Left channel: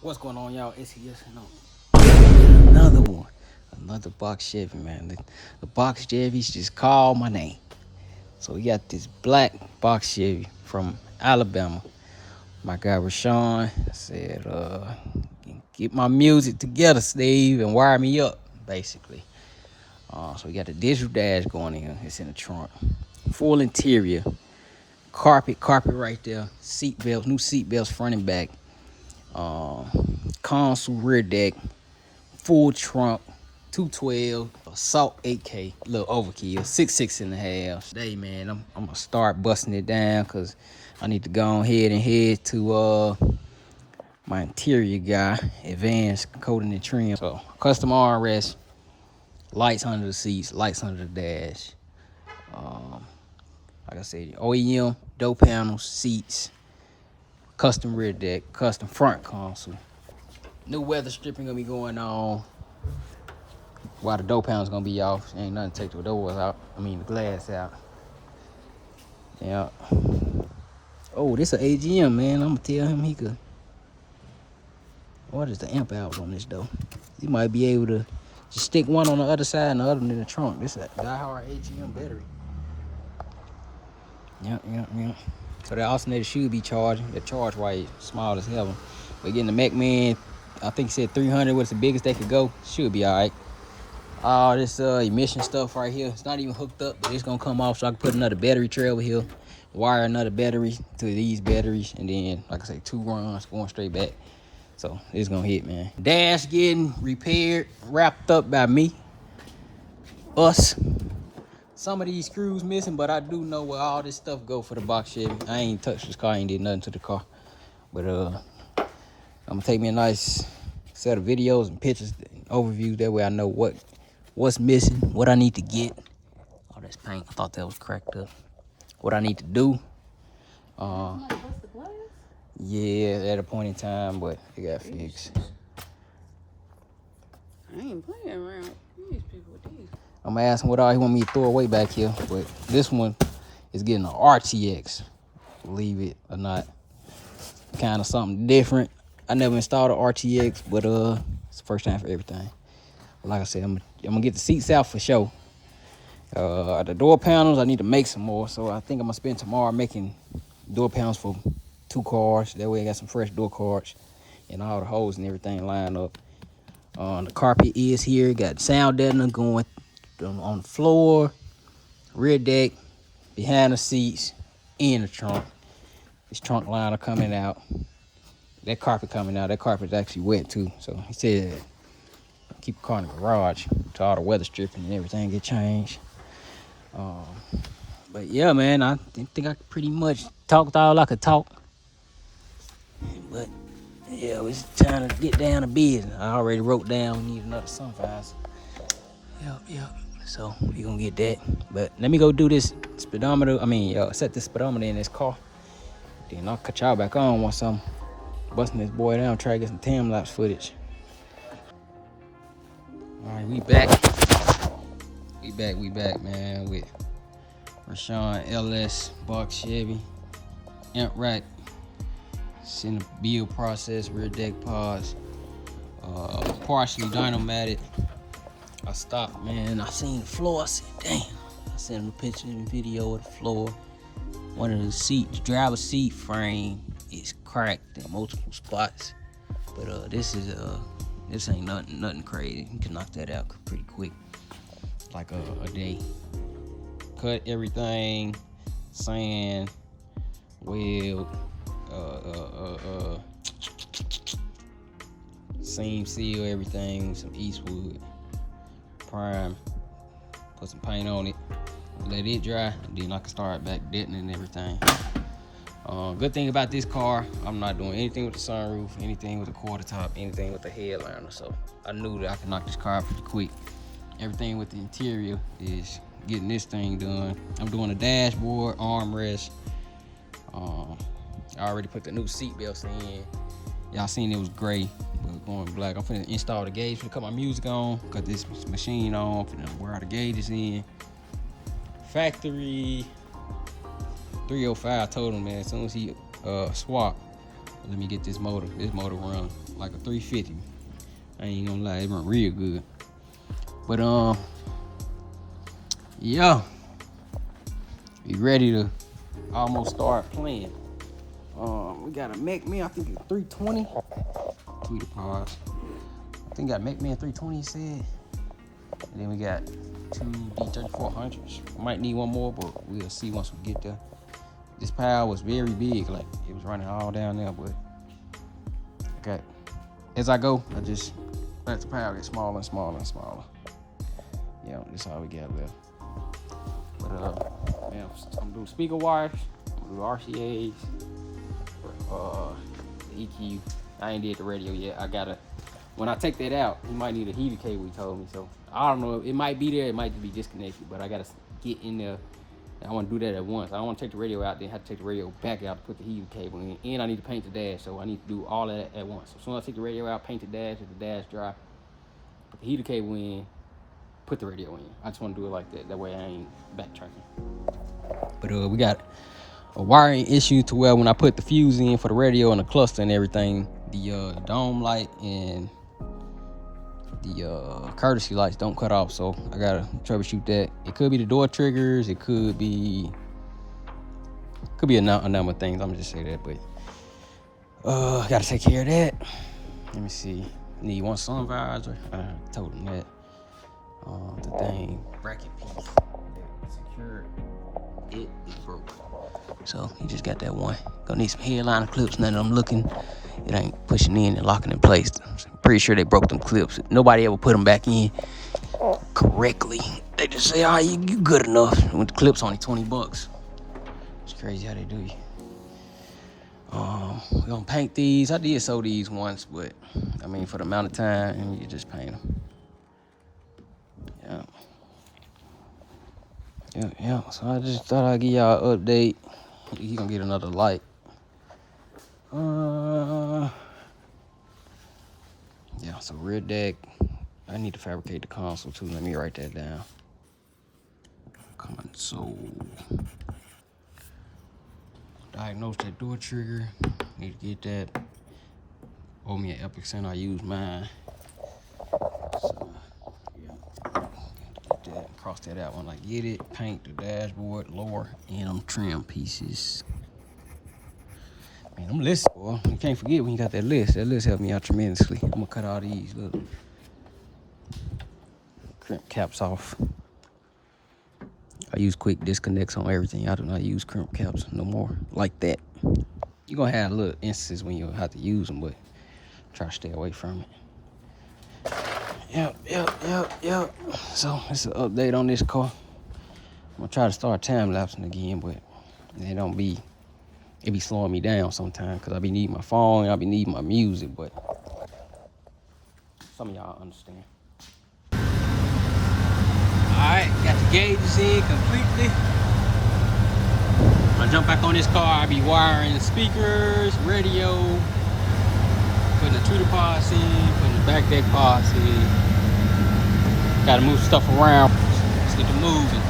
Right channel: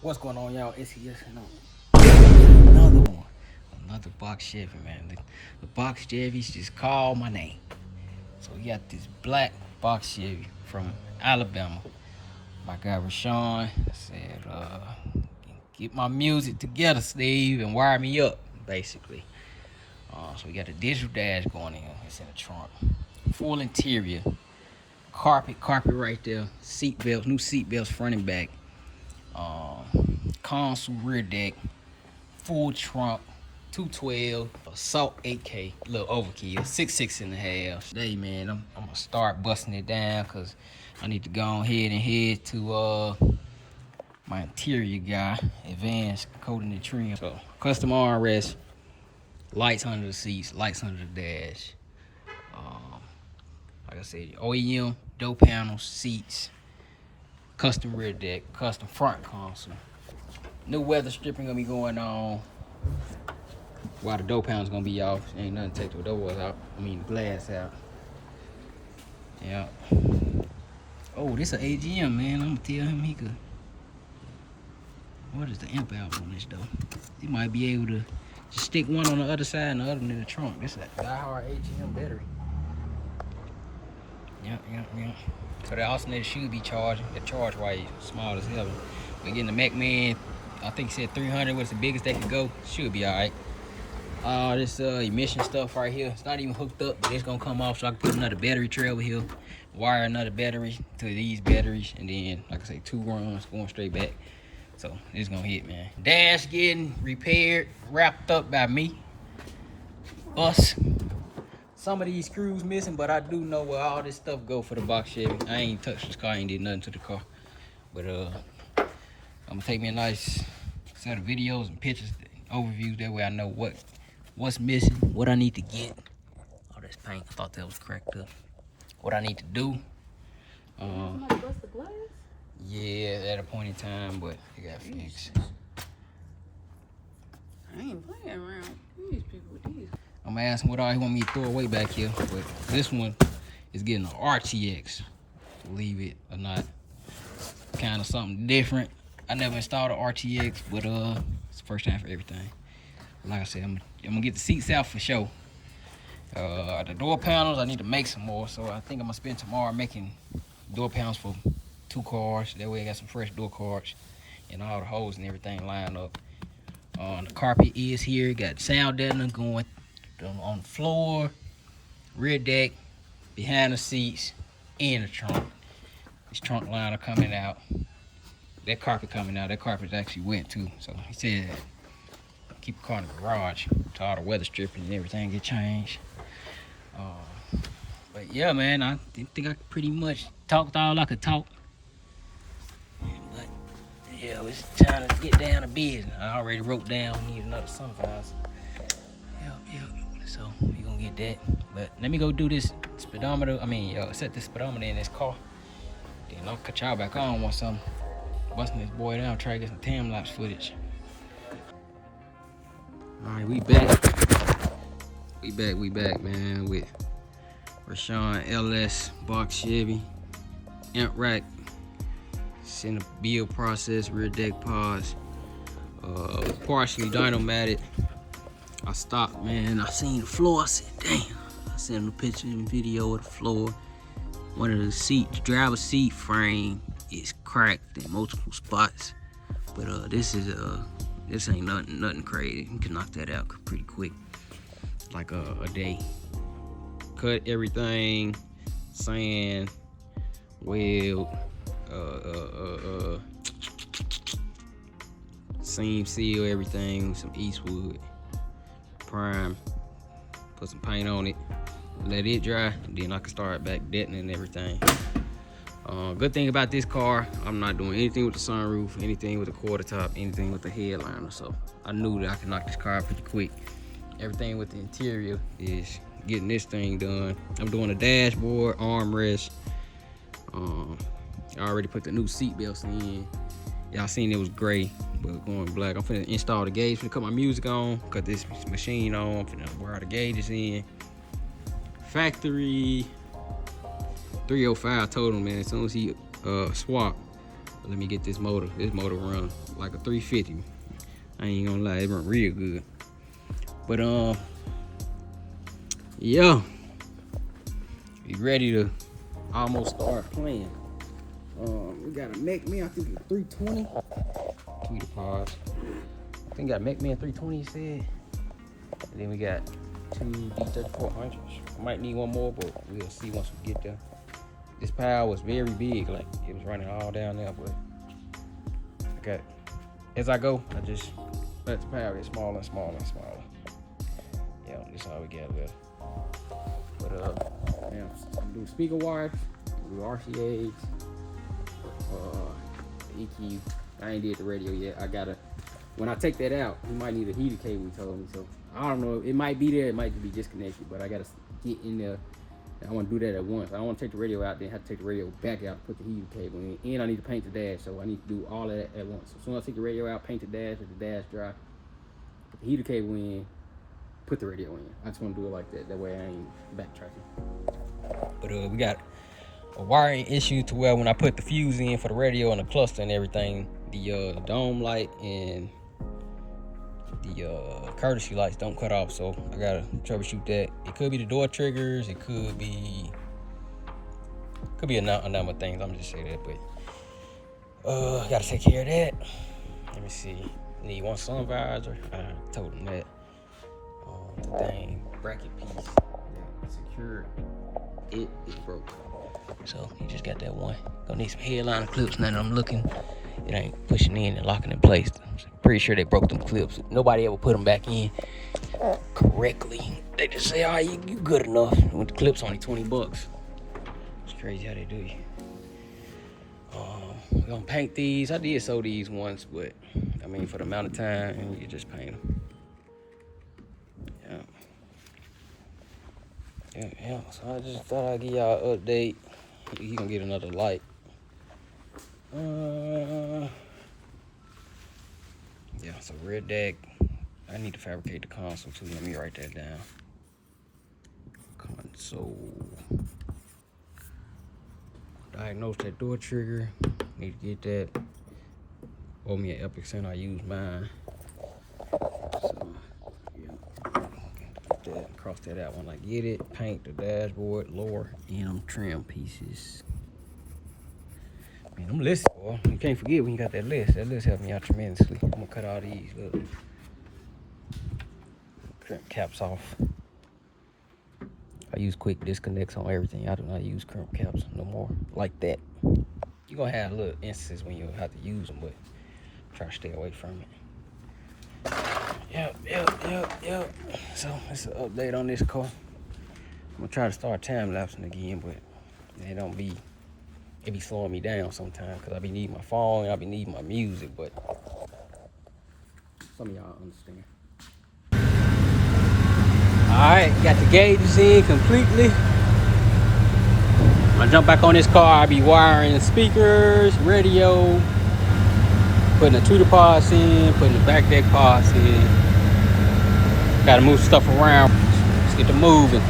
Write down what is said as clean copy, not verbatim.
What's going on, y'all? It's yes and no. Another one. Another box Chevy, man. The box Chevys just call my name. So we got this black box Chevy from Alabama. My guy Rashawn said, get my music together, Steve, and wire me up, basically. So we got the digital dash going in. It's in the trunk. Full interior. Carpet right there. Seat belts, new seat belts front and back. Console, rear deck, full trunk, 212, assault 8K, a little overkill, 6.5. Today, man, I'm gonna start busting it down because I need to go ahead and head to my interior guy, Advanced Coating and Trim. So custom armrest, lights under the seats, lights under the dash. Like I said, OEM, door panels, seats, custom rear deck, custom front console. New weather stripping gonna be going on while the door panel's gonna be off. Ain't nothing to take the doors out. I mean the glass out. Yeah. Oh, this an AGM, man. I'm gonna tell him he could. What is the amp out on this though? He might be able to just stick one on the other side and the other one in the trunk. This is a die-hard AGM battery. Yep. So the alternator should be charging. The charge rate small as hell. But again, the MacMan, I think he said 300 was the biggest they could go. Should be all right. All this emission stuff right here, it's not even hooked up, but it's gonna come off, so I can put another battery tray over here, wire another battery to these batteries, and then, like I say, 2 runs going straight back. So it's gonna hit, man. Dash getting repaired, wrapped up by me, us. Some of these screws missing, but I do know where all this stuff go for the box Chevy. I ain't touched this car, I ain't did nothing to the car, but I'm gonna take me a nice set of videos and pictures, overviews. That way I know what's missing, what I need to get. Oh, that's paint. I thought that was cracked up. What I need to do. Yeah, at a point in time, but it got fixed. I ain't playing around. These people with these. I'm gonna ask him what all he want me to throw away back here, but this one is getting an RTX. Believe it or not, kind of something different. I never installed an RTX, but it's the first time for everything. Like I said, I'm gonna get the seats out for sure. The door panels, I need to make some more, so I think I'm gonna spend tomorrow making door panels for 2 cars. That way I got some fresh door cards and all the holes and everything lined up. The carpet is here. Got sound deadener going on the floor, rear deck, behind the seats, in the trunk. This trunk liner coming out. That carpet coming out. That carpet's actually wet too. So he said keep the car in the garage till all the weather stripping and everything get changed. But yeah, man, I think I pretty much talked all I could talk. But yeah, it's time to get down to business. I already wrote down need another sun visor. Yep. So we gonna get that. But let me go do this speedometer. Set this speedometer in this car. Then I'll cut y'all back on once I'm busting this boy down, try to get some time lapse footage. All right, we back. We back, man, with Rashawn LS box Chevy, amp rack, it's in the build process, rear deck pods, partially dynomatic. I stopped, man. I seen the floor. I said, damn. I sent him a picture and video of the floor. One of the driver's seat frame is cracked in multiple spots. But this ain't nothing crazy. You can knock that out pretty quick, like a day. Cut everything, sand, weld, seam seal everything with some Eastwood. Prime, put some paint on it, let it dry, then I can start back detonating everything. Good thing about this car, I'm not doing anything with the sunroof, anything with the quarter top, anything with the headliner, so I knew that I could knock this car out pretty quick. Everything with the interior is getting this thing done. I'm doing a dashboard, armrest. I already put the new seat belts in. Y'all seen it was gray, but going black. I'm finna install the gauge, finna cut my music on, cut this machine on, finna wear all the gauges in. Factory 305 total, man. As soon as he swap, let me get this motor run. like a 350. I ain't gonna lie, it run real good. But yeah, you ready to almost start playing. We got a McMahon, I think it's 320. Tweeter pause. I think we got McMahon 320, he said. And then we got 2 D3400s. I might need one more, but we'll see once we get there. This pile was very big, like it was running all down there, but okay. As I go, I just let the pile get smaller and smaller and smaller. Yeah, this is all we got left. But yeah, I'm gonna do speaker wires, I'm gonna do RCAs, EQ. I ain't did the radio yet. I gotta, when I take that out, he might need a heater cable, he told me. So I don't know, it might be there, it might be disconnected, but I gotta get in there. I want to do that at once. I don't want to take the radio out, then have to take the radio back out to put the heater cable in. And I need to paint the dash, so I need to do all of that at once. So as soon as I take the radio out, paint the dash, let the dash dry, put the heater cable in, put the radio in. I just want to do it like that. That way I ain't backtracking. But we got a wiring issue to where when I put the fuse in for the radio and the cluster and everything, the dome light and the courtesy lights don't cut off, so I gotta troubleshoot that. It could be the door triggers, it could be a number of things. I'm just say that, but I gotta take care of that. Let me see. Need one sun visor. I told him that. The dang bracket piece that secured it is broke. So he just got that one. Gonna need some headliner clips. Now that I'm looking, it ain't pushing in and locking in place. I'm pretty sure they broke them clips. Nobody ever put them back in correctly. They just say, "Oh, you good enough." And with the clips, only $20. It's crazy how they do you. We're gonna paint these. I did sew these once, but I mean, for the amount of time, and you can just paint them. Yeah. So I just thought I'd give y'all an update. You can get another light. Yeah, so rear deck. I need to fabricate the console too. Let me write that down. Console. Diagnose that door trigger. Need to get that. Owe me an Epic Center. I use mine. So, yeah. Get that. Cross that out when I get it. Paint the dashboard, lower, and them trim pieces. Man, them lists, boy. You can't forget when you got that list. That list helped me out tremendously. I'm gonna cut all these. Look. Crimp caps off. I use quick disconnects on everything. I do not use crimp caps no more like that. You're gonna have little instances when you have to use them, but try to stay away from it. Yep. So it's an update on this car. I'm gonna try to start time lapsing again, but it be slowing me down sometimes because I be needing my phone and I be needing my music, but some of y'all understand. Alright, got the gauges in completely. When I jump back on this car, I be wiring the speakers, radio, putting the tweeter pods in, putting the back deck pods in. Gotta move stuff around. Let's get to moving.